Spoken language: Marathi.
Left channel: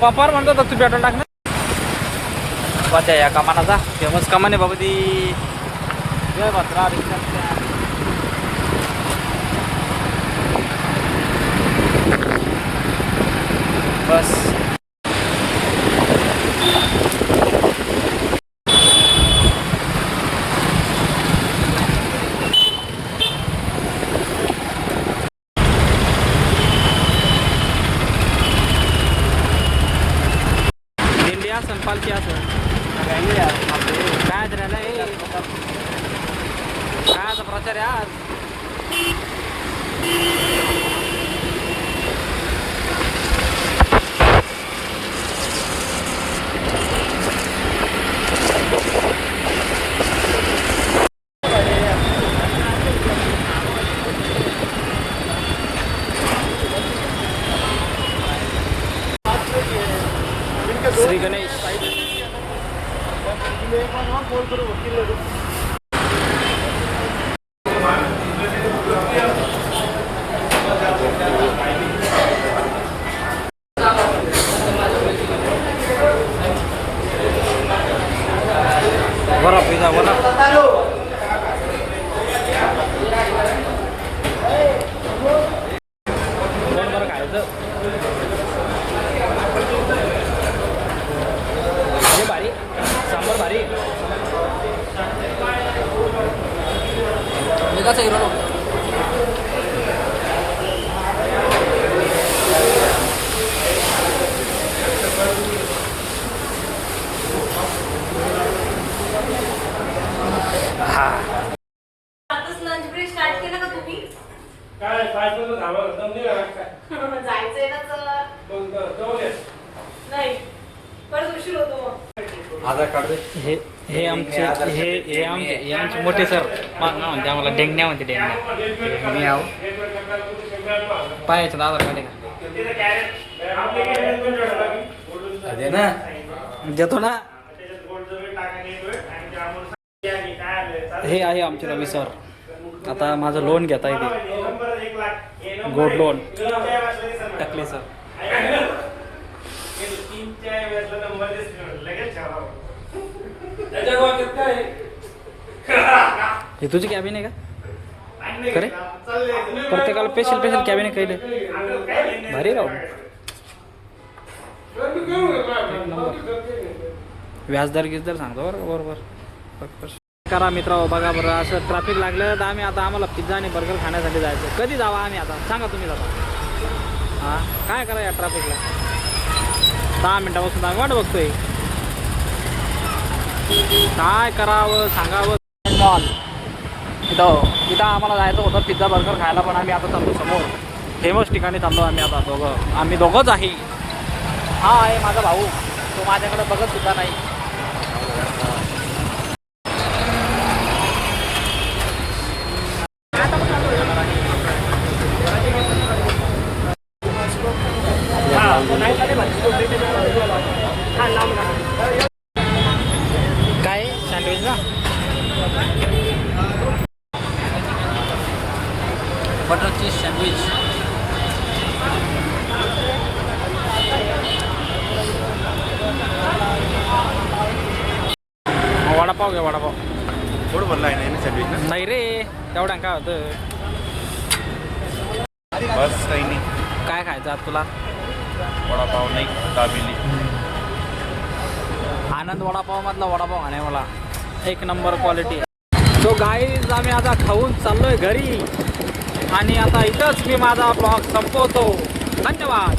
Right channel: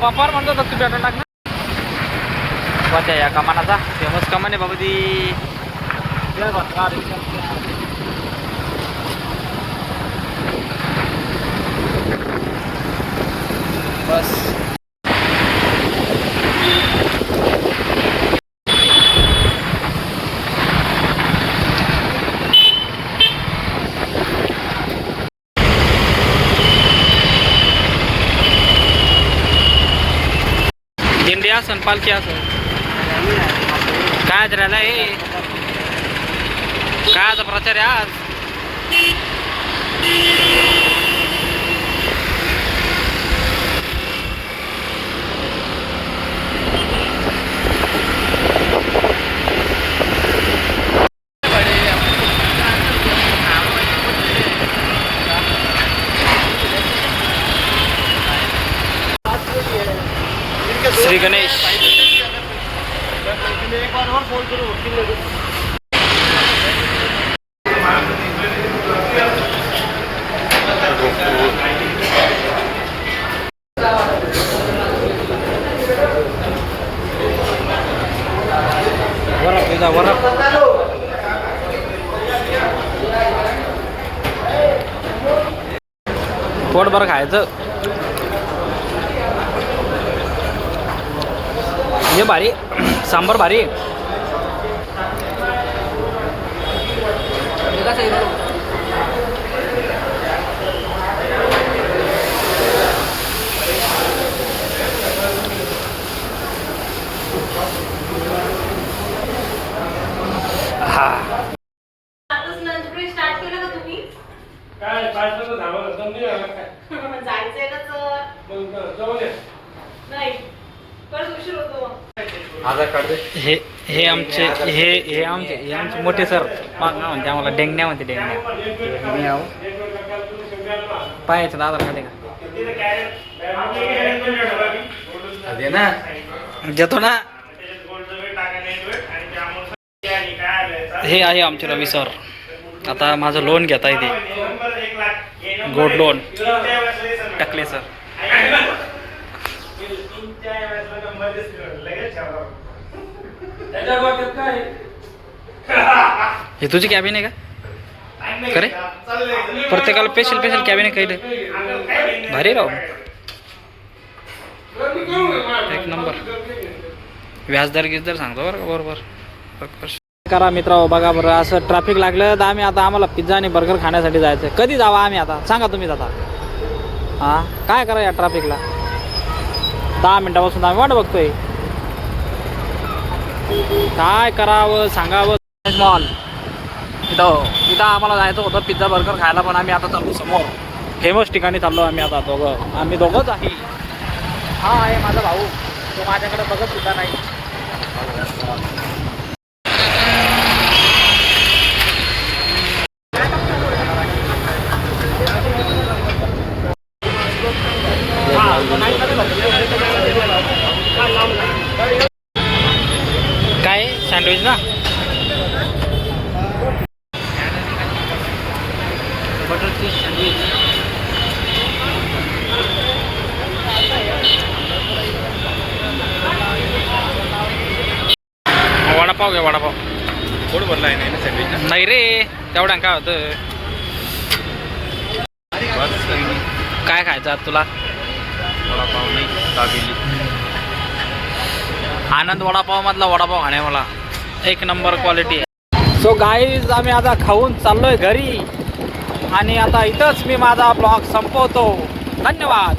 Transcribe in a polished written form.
पंपावर म्हणतो तर तू पेट्रोल टाक ना. सध्या या कमानाचा फेमस कमान आहे बाबा ती. बस दिंडी असन पालखी असन काय राहिला हे कायचा प्रचार आहे आज. श्री गणेश वरप इजा वरप कोण बरं खायचं. हे भारी सांबर भारी हा. स्टार्ट केलं का तुम्ही काय जायचंय नाही परत उशीर होतो मग. हे आमचे मोठे सर म्हणते आम्हाला डेंगण्या म्हणते डेंगण्या. मी आहो पाहायचं आधार कार्ड आहे का देतो ना. हे आहे आमचे रवी सर. आता माझं लोन घेता येते गोल्ड लोन टाकले सर. हे तुझी कॅबिन आहे का खरे प्रत्येकाला स्पेशल स्पेशल कॅबिन आहे काही भारी राहू एक नंबर. व्याजदर गिजदर सांगतो बरं का बरोबर करा मित्र. बघा बरं असं ट्रॅफिक लागलं तर आम्हाला पिझ्झा आणि बर्गर खाण्यासाठी जायचं. कधी जावा आम्ही आता सांगा तुम्हीच आता. हां काय करा या ट्रॅफिकला 10 मिनटापासून आम्ही वाट बघतोय. काय करावं सांगावं. मॉल इथं आम्हाला जायचं होतं पिझ्झा बर्गर खायला पण आम्ही आता चाललो समोर फेमस ठिकाणी चाललो आम्ही आता आम्ही दोघंच आहे. हा आहे माझा भाऊ तो माझ्याकडे बघत सुद्धा नाही. काय सँडविच ना बटर चीज सँडविच. वडापाव घ्या वडापाव. थोडं भरलं आहे ना सँडविच. नाही रे तेवढ्या काय होतं. बस काय खायचं आज तुला. वडापाव नाही दाबेली. आनंद वडापाव मधला वडापाव खाणे मला एक नंबर क्वालिटी आहे. सो गाईज आम्ही आता खाऊन चाललोय घरी आणि आता इथंच मी माझा ब्लॉग संपवतो. धन्यवाद.